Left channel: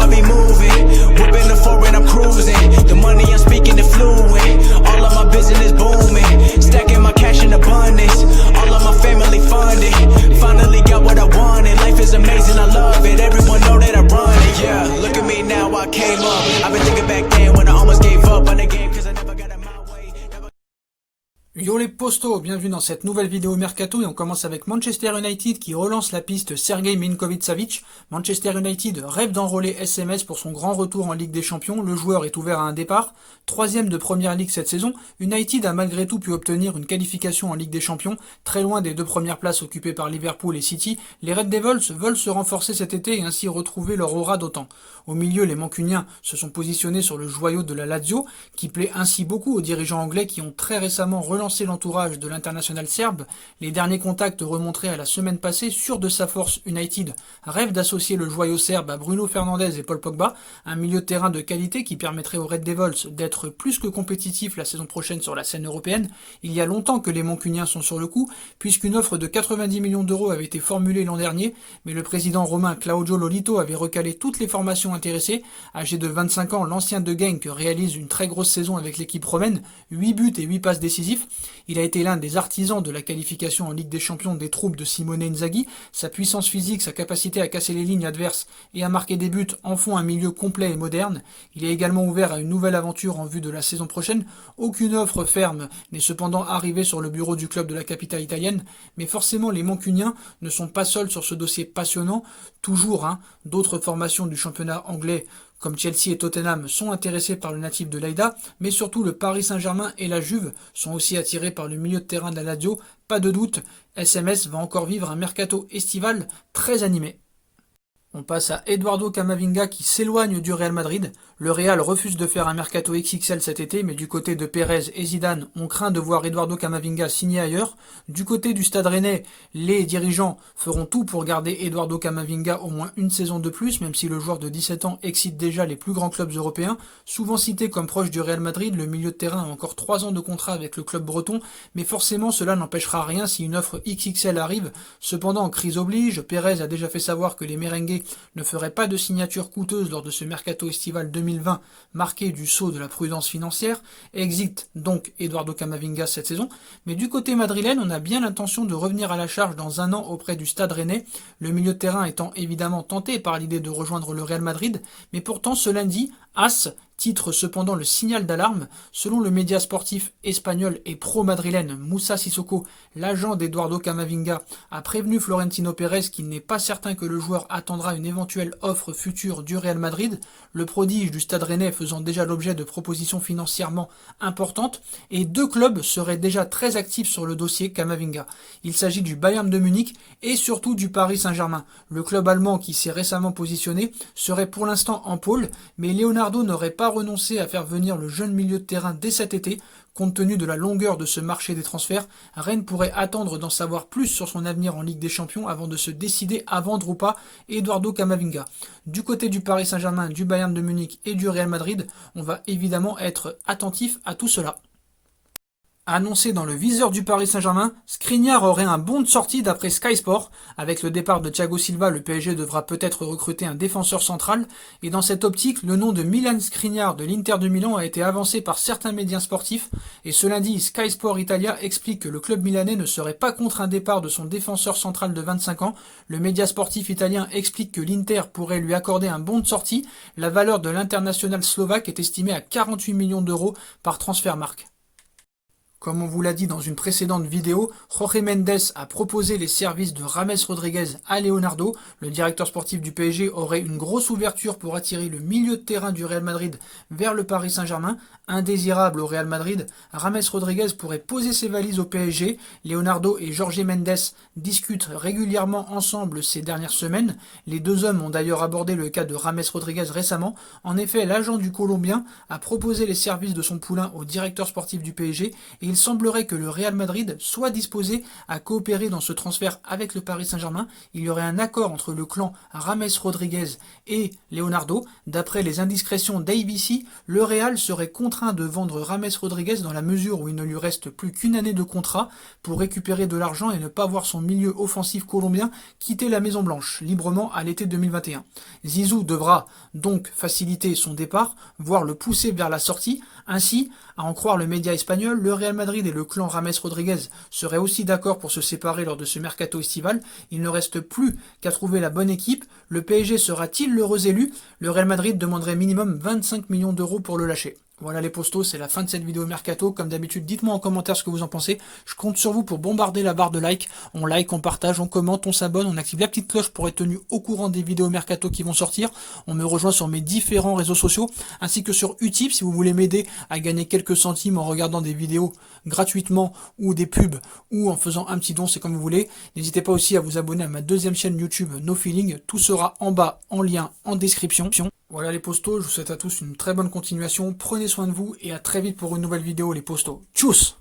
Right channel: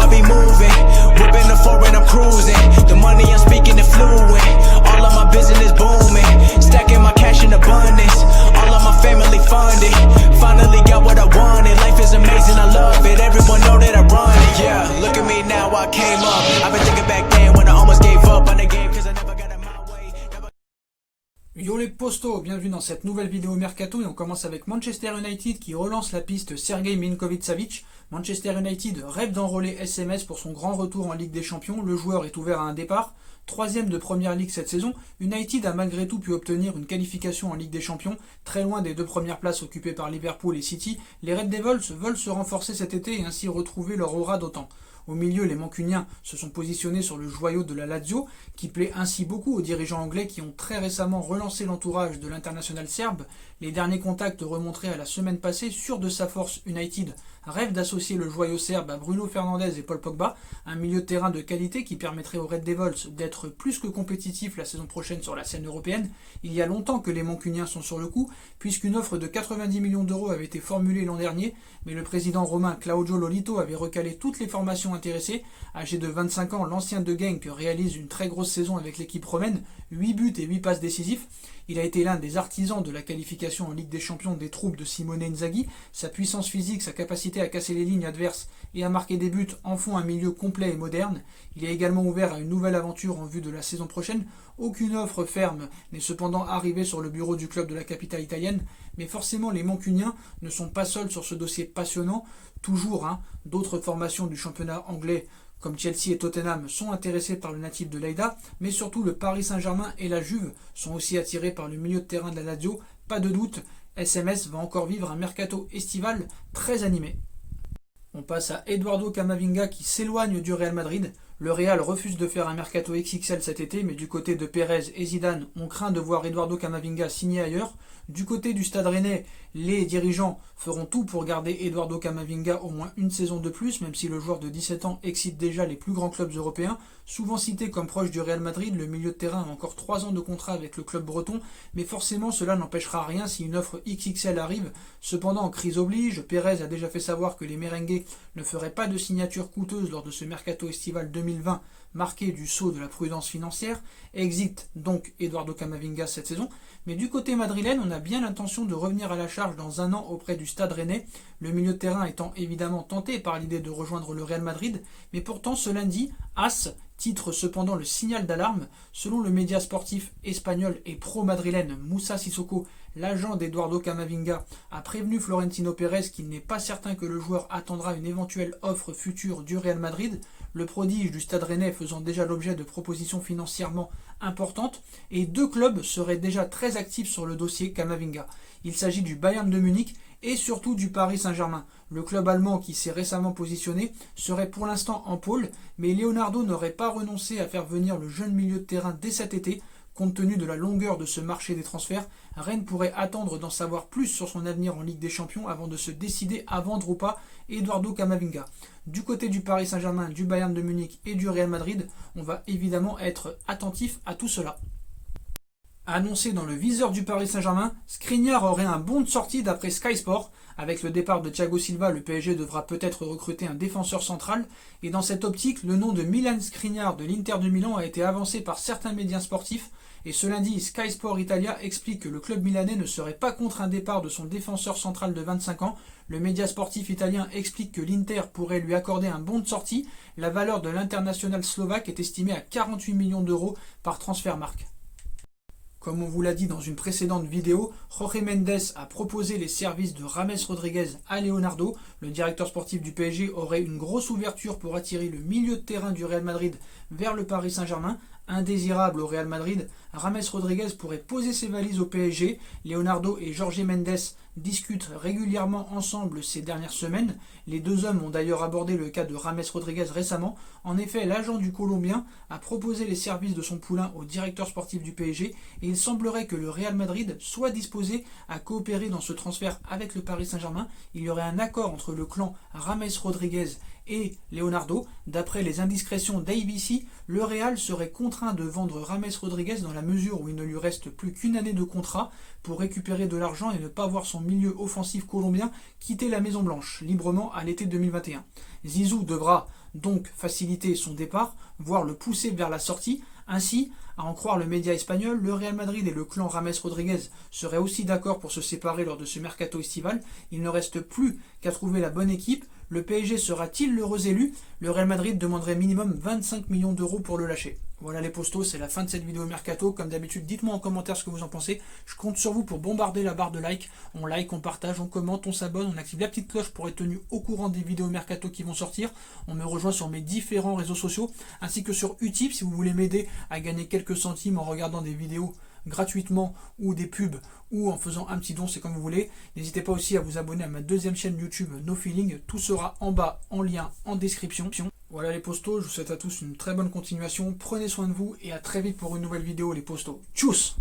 I be moving. Whipping the foreign, I'm cruising. The money I'm speaking is fluent. All of my business booming. Stacking my cash in abundance. All of my family funded. Finally got what I wanted. Life is amazing, I love it. Everyone know that I run it. Yeah, look at me now, I came up. I've been thinking back then when I almost gave up on the game cause I never got it my way. Yo les postos, bienvenue dans cette nouvelle vidéo Mercato et on commence avec Manchester United qui relance la piste Sergej Milinkovic-Savic. Manchester United rêve d'enrôler SMS pour son grand retour en Ligue des Champions, le joueur est ouvert à un départ. Troisième de Première Ligue cette saison, United a malgré tout pu obtenir une qualification en Ligue des Champions, très loin des deux premières places occupées par Liverpool et City. Les Red Devils veulent se renforcer cet été et ainsi retrouver leur aura d'autant. Au milieu, les Mancuniens se sont positionnés sur le joyau de la Lazio, qui plaît ainsi beaucoup aux dirigeants anglais qui ont très récemment relancé l'entourage de l'international serbe. Les derniers contacts remonteraient à la semaine passée. Sûr de sa force, United rêve d'associer le joyau serbe à Bruno Fernandes et Paul Pogba, un milieu de terrain de qualité qui permettrait aux Red Devils d'être plus que compétitifs la saison prochaine sur la scène européenne. Il y a longtemps que les Mancuniens sont sur le coup, puisqu'une offre de 90 millions d'euros avait été formulée l'an dernier, mais le président romain Claudio Lolito avait recalé toutes les formations intéressées. Âgé de 25 ans, l'ancien de Genk réalise une très grosse saison avec l'équipe romaine, 8 buts et 8 passes décisifs. Il a été l'un des artisans de la qualification en Ligue des Champions des troupes de Simone Inzaghi. Sa puissance physique, sa capacité à casser les lignes adverses et à marquer des buts en font un milieu complet et moderne. Il est également ouvert à une nouvelle aventure en vue de la saison prochaine. Aucune offre ferme n'est cependant arrivée sur le bureau du club de la capitale italienne, mais forcément les Mancuniens ne sont pas seuls sur ce dossier passionnant. Toujours, d'autres formations du championnat anglais comme Chelsea et Tottenham sont intéressés par le natif de Leida, mais surtout le Paris Saint-Germain et la Juve sont aussi attirés par le milieu de terrain de la Lazio. Pas de doute, SMS va encore vivre un mercato estival très animé. On passe à Eduardo Camavinga qui s'éloigne du Real Madrid. Le Real refuse de faire un mercato XXL cet été, mais du côté de Pérez et Zidane, on craint de voir Eduardo Camavinga signer ailleurs. Du côté du Stade Rennais, les dirigeants feront tout pour garder Eduardo Camavinga au moins une saison de plus, même si le joueur de 17 ans excite déjà les plus grands clubs européens. Souvent cité comme proche du Real Madrid, le milieu de terrain a encore 3 ans de contrat avec le club breton, mais forcément cela n'empêchera rien si une offre XXL arrive. Cependant, en crise oblige, Pérez a déjà fait savoir que les merengues ne feraient pas de signature coûteuse lors de ce mercato estival 2020 marqué du sceau de la prudence financière. Exit donc Eduardo Camavinga cette saison, mais du côté madrilène, on a bien l'intention de revenir à la charge dans un an auprès du Stade Rennais, le milieu de terrain étant évidemment tenté par l'idée de rejoindre le Real Madrid, mais pourtant ce lundi, AS titre cependant le signal d'alarme. Selon le média sportif espagnol et pro-madrilène Moussa Sissoko, l'agent d'Eduardo Camavinga a prévenu Florentino Pérez qu'il n'est pas certain que le joueur attendra une éventuelle offre future du Real Madrid, le prodige du Stade Rennais faisant déjà l'objet de propositions financièrement importantes, et deux clubs seraient déjà très actifs sur le dossier Camavinga. Il s'agit du Bayern de Munich et surtout du Paris Saint-Germain. Le club allemand qui s'est récemment positionné serait pour l'instant en pôle, mais Leonardo n'aurait pas renoncé à faire venir le jeune milieu de terrain dès cet été. Compte tenu de la longueur de ce marché des transferts, Rennes pourrait attendre d'en savoir plus sur son avenir en Ligue des Champions avant de se décider à vendre ou pas Eduardo Camavinga. Du côté du Paris Saint-Germain, du Bayern de Munich et du Real Madrid, on va évidemment être attentif à tout cela. Annoncé dans le viseur du Paris Saint-Germain, Skriniar aurait un bon de sortie d'après Sky Sport. Avec le départ de Thiago Silva, le PSG devra peut-être recruter un défenseur central. Et dans cette optique, le nom de Milan Skriniar de l'Inter de Milan a été avancé par certains médias sportifs. Et ce lundi, Sky Sport Italia explique que le club milanais ne serait pas contre un départ de son défenseur central de 25 ans. Le média sportif italien explique que l'Inter pourrait lui accorder un bon de sortie. La valeur de l'international slovaque est estimée à 48 millions d'euros par Transfermarkt. Comme on vous l'a dit dans une précédente vidéo, Jorge Mendes a proposé les services de James Rodriguez à Leonardo. Le directeur sportif du PSG aurait une grosse ouverture pour attirer le milieu de terrain du Real Madrid vers le Paris Saint-Germain. Indésirable au Real Madrid, James Rodriguez pourrait poser ses valises au PSG. Leonardo et Jorge Mendes discutent régulièrement ensemble ces dernières semaines. Les deux hommes ont d'ailleurs abordé le cas de James Rodriguez récemment. En effet, l'agent du Colombien a proposé les services de son poulain au directeur sportif du PSG et il semblerait que le Real Madrid soit disposé à coopérer dans ce transfert avec le Paris Saint-Germain. Il y aurait un accord entre le clan James Rodriguez et Leonardo. D'après les indiscrétions d'ABC, le Real serait contraint de vendre James Rodriguez dans la mesure où il ne lui reste plus qu'une année de contrat pour récupérer de l'argent et ne pas voir son milieu offensif colombien quitter la Maison Blanche librement à l'été 2021. Zizou devra donc faciliter son départ, voire le pousser vers la sortie. Ainsi, à en croire le média espagnol, le Real Madrid et le clan James Rodriguez seraient aussi d'accord pour se séparer lors de ce mercato estival. Il ne reste plus qu'à trouver la bonne équipe. Le PSG sera-t-il l'heureux élu? Le Real Madrid demanderait minimum 25 millions d'euros pour le lâcher. Voilà les postos, c'est la fin de cette vidéo mercato. Comme d'habitude, dites-moi en commentaire ce que vous en pensez. Je compte sur vous pour bombarder la barre de like. On like, on partage, on commente, on s'abonne, on active la petite cloche pour être tenu au courant des vidéos mercato qui vont sortir. On me rejoint sur mes différents réseaux sociaux, ainsi que sur Utip si vous voulez m'aider à gagner quelques centimes en regardant des vidéos gratuitement ou des pubs ou en faisant un petit don, c'est comme vous voulez. N'hésitez pas aussi à vous abonner à ma deuxième chaîne YouTube No Feeling. Tout sera en bas en lien en description. Voilà les postos, je vous souhaite à tous une très bonne continuation. Prenez soin de vous et à très vite pour une nouvelle vidéo les postos. Tchuss!